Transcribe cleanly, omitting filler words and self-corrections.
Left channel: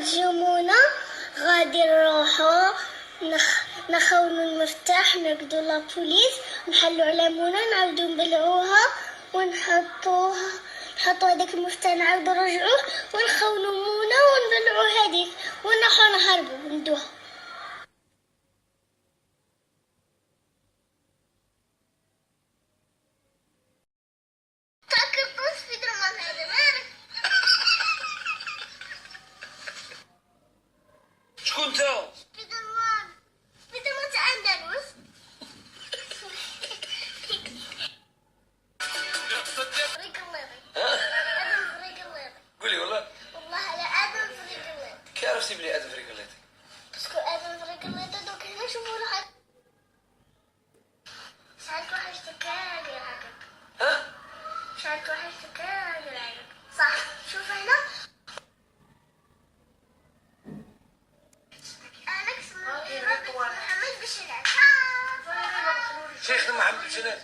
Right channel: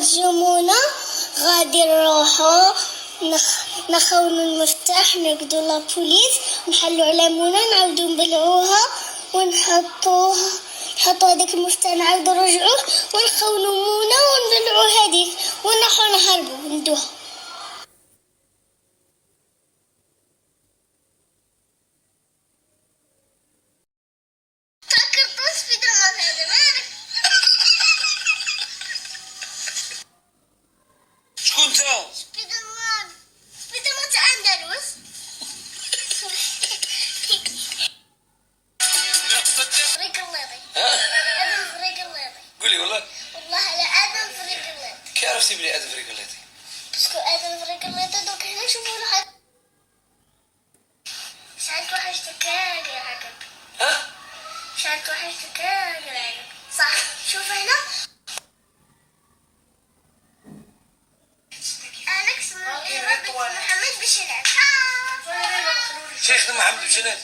ترجمونا غادي نروحو نخونو المفتاح، نرقدو لابوليس، نحلو على مونا، نعاودو نبلعوها ونحطو هذاك المفتاح، نعاودو نرجعوه ونخونو مونا ونبلعو هذيك ونروحو نهربو وندوها. شكون انت؟ سبيدر مان تاع اندلس. فريق الليطي. ادم فريق الليطي. قولي والله على ادم فريق الليطي. كي عرفتي بلي ادم فريق الليطي؟ باسكو ادم فريق الليطي دوك هنا نشوفو الحاجة. شحال وحشتك يا عقب. شحال وحشتك يا عقب. صح، شوف هنا أليكس محمد باش يلعب. شيخ محمد باش يلعب.